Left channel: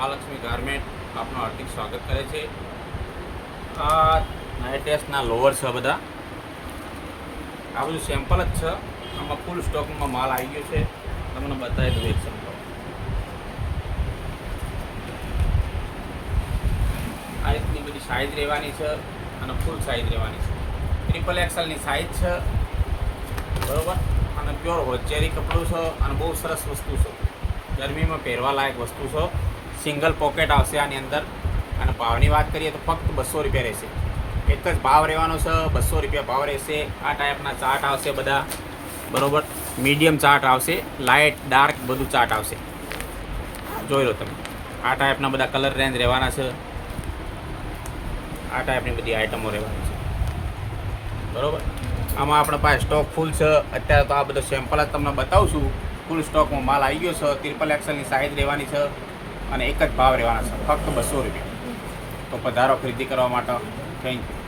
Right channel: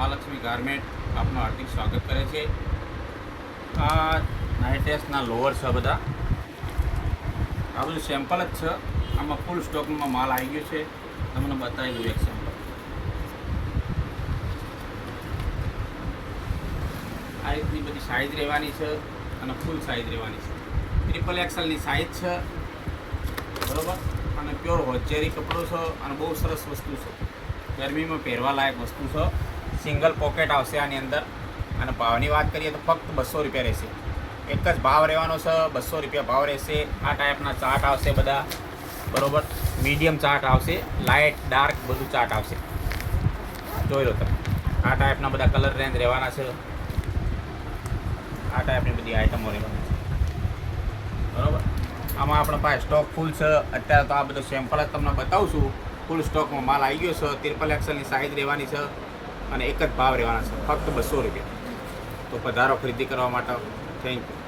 Mahalakshmi garment આપનું હાર્દિક સ્વાગત કરે છે। આ નાઇટ ડ્રેસના લોવર છે બધા, આ બધું સેમ્પલ જ છે। આમાં ફૂલ સ્ટોકમાં માલ આવી ગયો છે, તમને બતાવી દઉં એક સેમ્પલ। આ રીતની બધી સાઇઝ રહેવાની છે અને ફૂલ સાઇઝ રહેવાની છે। ટ્રિપલ એક્સેલની સાઇઝ છે, બરાબર। અને પ્યોર હોજરી કપડું છે અને બહુ સરસ વસ્તુ છે, ગરમીમાં પહેરવા લાયક વસ્તુ છે। સિંગલ પોકેટ આવશે આની અંદર, અને ભાવની વાત કરીએ તો ફક્ત 200 રૂપિયા રહેશે। એક જ ભાવ રહેવાનો છે, 200 રૂપિયા ભાવ રહેશે। આ ટાઈપના ચાર્ટ આવશે બધા, બરાબર। મીડિયમ ચાર્ટ આવશે, લાઇટ ડાર્ક બધું ચાર્ટ આવશે, જોઈ લો તમે। આ ટાઈપના બધા કલર રેન્જ રહેવાના છે, આ ટાઈપની બધી આઇટમો રહેવાની છે, બરાબર। આમાં આપણે પાસે સ્ટોક ફૂલ છે અત્યારે, તો આ બધો સેમ્પલ જ તમને બતાવું છું। ફૂલ સ્ટોકમાં માલ આવી ગયો છે, ટ્રિપલ એક્સેલની સાઇઝ રહેવાની છે અને એક જ ભાવ રહેવાના છે, ફક્ત 200 રૂપિયા। તો પધારો ખરીદી કરવા માટે, થેન્ક યુ।